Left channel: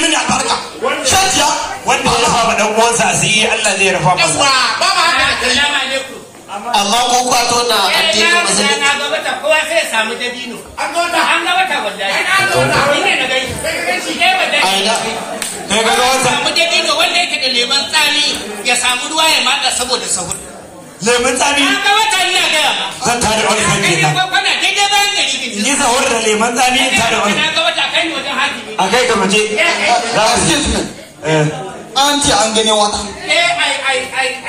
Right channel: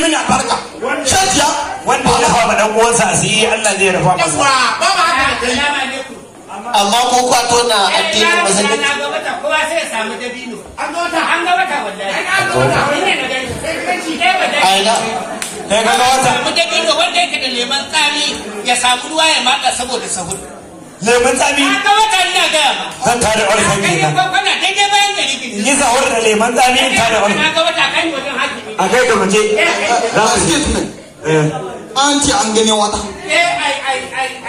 Mini albarka. Shajiya. Wanda ya rufa ma dan uwansa asiri Allah zai rufa masa. Baba haka. Assalamu alaikum. Allah ko kwato na addinin musulmi. Na ga wata kowa sai ya samu dabino. An ga wata wallahi. Ni ne na gani. Shi dai wallahi. Kai ga wata. Samu dabino wanda yake da leman tsami ya samu ruwa ya maka saboda sahur. Lemun tsami. An ga wata ina ga ba. Zan tare wani kan kenan. Kwana daidai bayan gari gidi. Ni sahur da lemun tsami in tare wani. Na ga wata kai wajen hakimi. A kai ka muje. Excuse me. An ce an gani wata.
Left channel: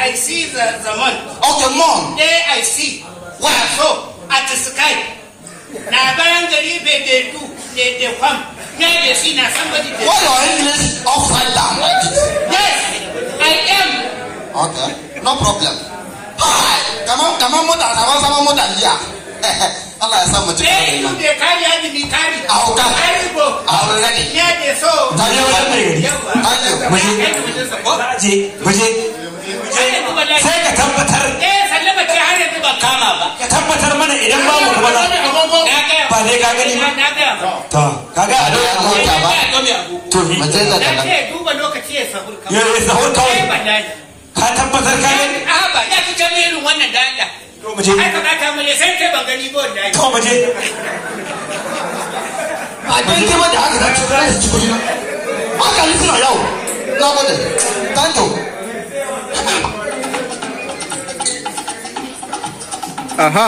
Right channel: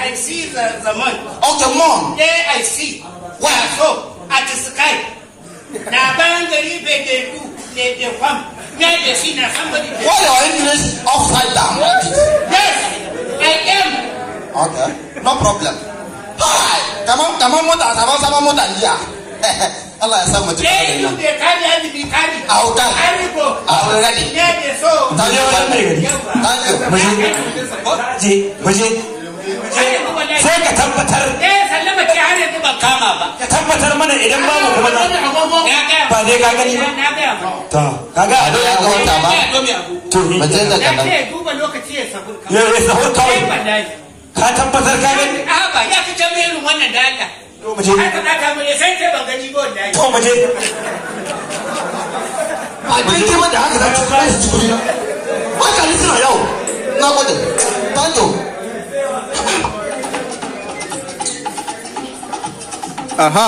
I see the moon. Okay, mom. I see. Where so? At the sky. Na bayan gari bai da du da kwam. Ya da shi na somebody. Why your English upside down like this? Yes, I am. Okay, no problem. Hi, come on, mother, sama mother liya. Allah ya samu cikin Sai you dey carry any carry. I'll carry. Carry go. I'll ready. Ya da so. Thank you. Muje. Sai ka tabbatar. Sallama ce har yanzu ba kama ba. Ka tabbatar mana idan ba mu kuma ba zai ka gani ba. Na ga ba. To, kaga a doya ko ta ba. To ni. Mace da Na kana. ce duba lokaci ya sabur kawai. Ya sahur kawai. Ka tabbatar ka gani. Ba ya fi jami'in wannan da Allah. To muje. Ai faɗa ta mu sai ban gani ba wallahi. To muje. A kin ji wanda aka dace sai su kudi. Haka ni suna yau. Na gode. Thank you. Aha.